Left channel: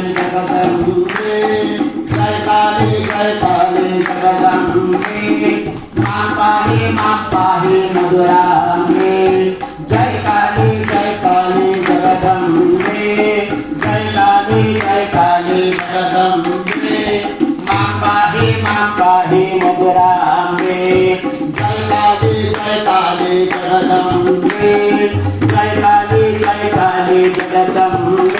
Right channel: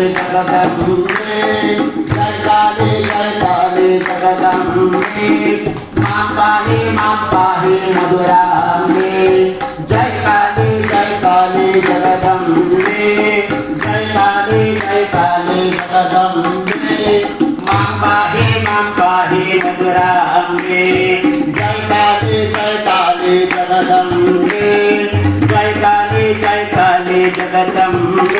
काली जगदंबे जय काली जय काली जगदंबे मां पाहि मां पाहि मधुरांबे जय काली जय काली जगदंबे जय काली जय काली जगदंबे मां पाहि मां पाहि मधुरांबे जय काली जय काली जगदंबे जय काली जय काली जगदंबे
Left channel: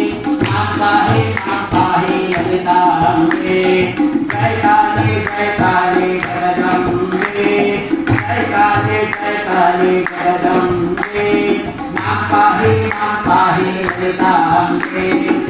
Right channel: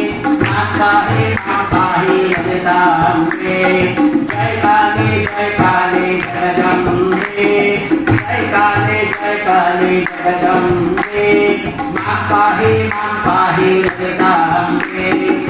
जगदम्बे जगदम्बे माता हे माता जगदम्बे।